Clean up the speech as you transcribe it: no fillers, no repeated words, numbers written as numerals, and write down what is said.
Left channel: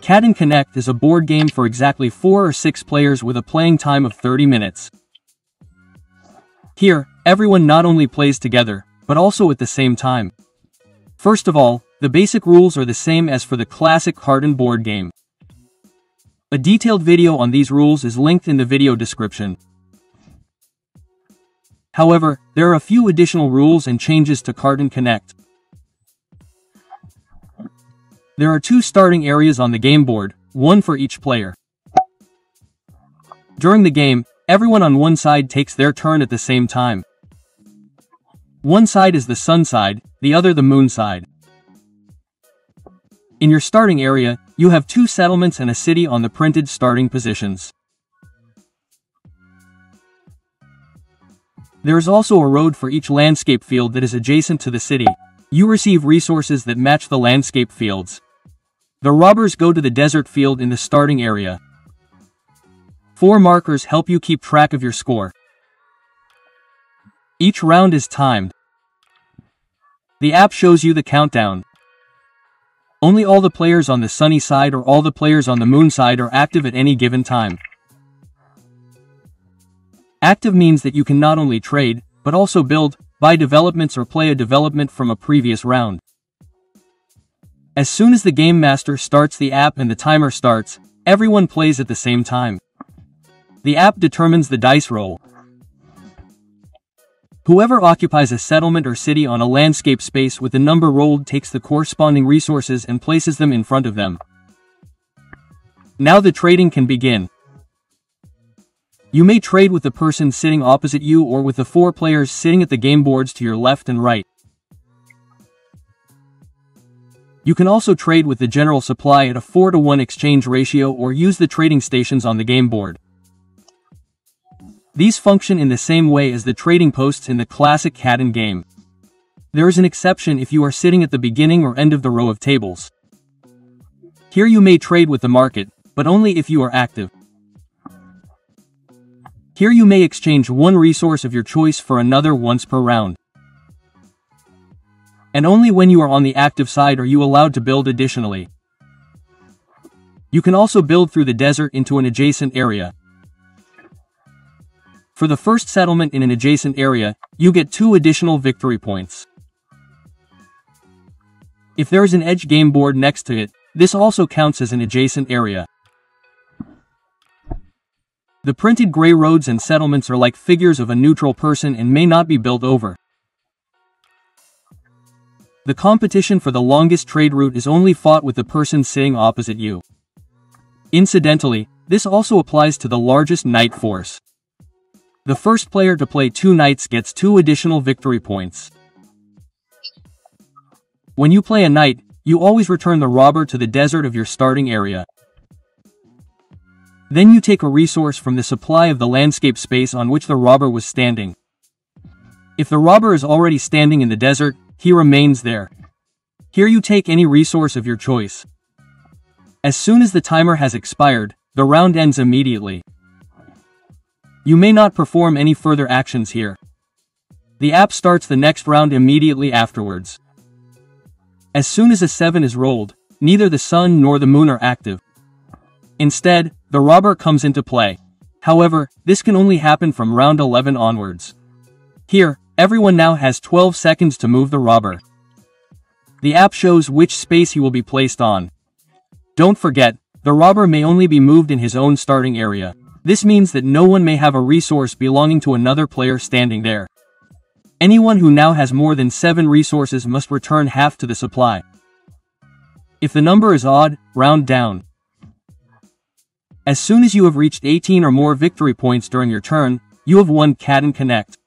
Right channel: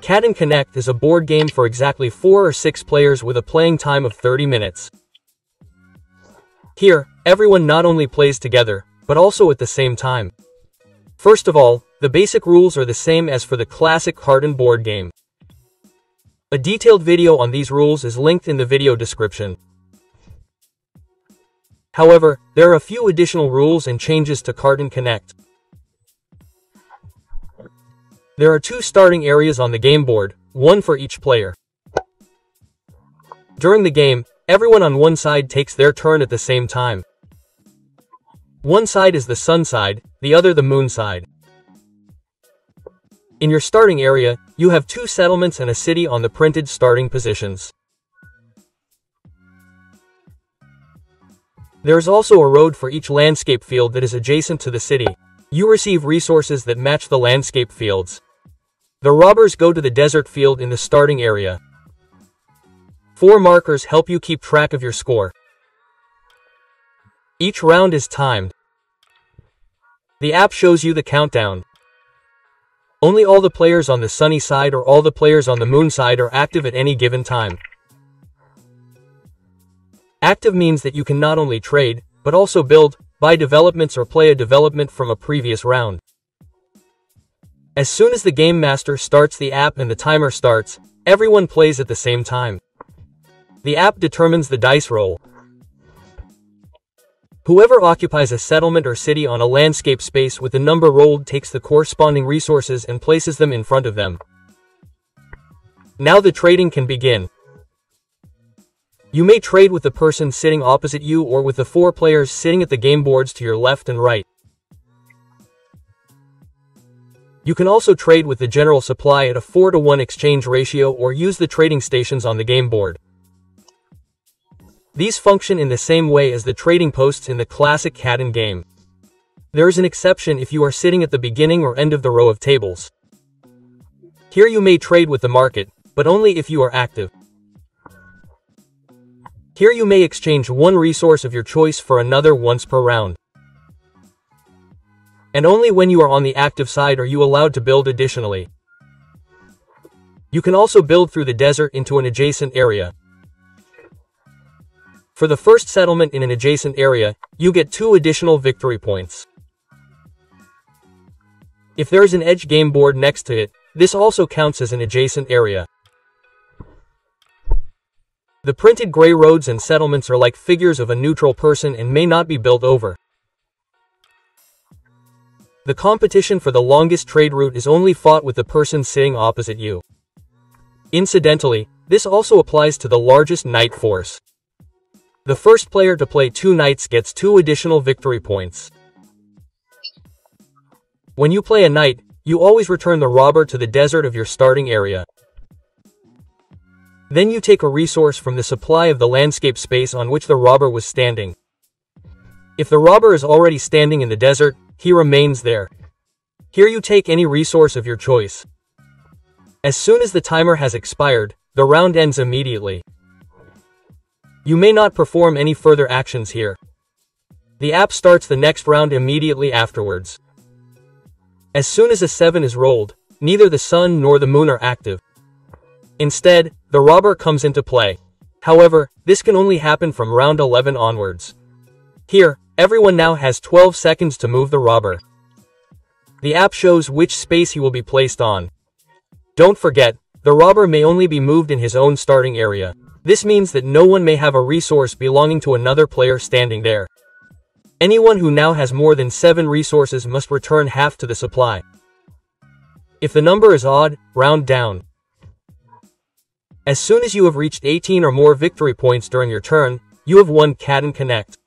CATAN CONNECT is a board game for exactly 4 or 6 players with a playing time of 30 minutes. Here, everyone not only plays together, but also at the same time. First of all, the basic rules are the same as for the classic CATAN board game. A detailed video on these rules is linked in the video description. However, there are a few additional rules and changes to CATAN CONNECT. There are 2 starting areas on the game board, one for each player. During the game, everyone on one side takes their turn at the same time. One side is the sun side, the other the moon side. In your starting area, you have 2 settlements and a city on the printed starting positions. There is also a road for each landscape field that is adjacent to the city. You receive resources that match the landscape fields. The robbers go to the desert field in the starting area. 4 markers help you keep track of your score. Each round is timed. The app shows you the countdown. Only all the players on the sunny side or all the players on the moon side are active at any given time. Active means that you can not only trade, but also build, buy developments or play a development from a previous round. As soon as the game master starts the app and the timer starts, everyone plays at the same time. The app determines the dice roll. Whoever occupies a settlement or city on a landscape space with the number rolled takes the corresponding resources and places them in front of them. Now the trading can begin. You may trade with the person sitting opposite you or with the 4 players sitting at the game boards to your left and right. You can also trade with the general supply at a 4-to-1 exchange ratio or use the trading stations on the game board. These function in the same way as the trading posts in the classic CATAN game. There is an exception if you are sitting at the beginning or end of the row of tables. Here you may trade with the market, but only if you are active. Here you may exchange one resource of your choice for another once per round. And only when you are on the active side are you allowed to build additionally. You can also build through the desert into an adjacent area. For the first settlement in an adjacent area, you get 2 additional victory points. If there is an edge game board next to it, this also counts as an adjacent area. The printed gray roads and settlements are like figures of a neutral person and may not be built over. The competition for the longest trade route is only fought with the person sitting opposite you. Incidentally, this also applies to the largest knight force. The first player to play 2 knights gets 2 additional victory points. When you play a knight, you always return the robber to the desert of your starting area. Then you take a resource from the supply of the landscape space on which the robber was standing. If the robber is already standing in the desert, he remains there. Here you take any resource of your choice. As soon as the timer has expired, the round ends immediately. You may not perform any further actions here. The app starts the next round immediately afterwards. As soon as a 7 is rolled, neither the sun nor the moon are active. Instead, the robber comes into play. However, this can only happen from round 11 onwards. Here, everyone now has 12 seconds to move the robber. The app shows which space he will be placed on. Don't forget, the robber may only be moved in his own starting area. This means that no one may have a resource belonging to another player standing there. Anyone who now has more than 7 resources must return half to the supply. If the number is odd, round down. As soon as you have reached 18 or more victory points during your turn, you have won CATAN CONNECT.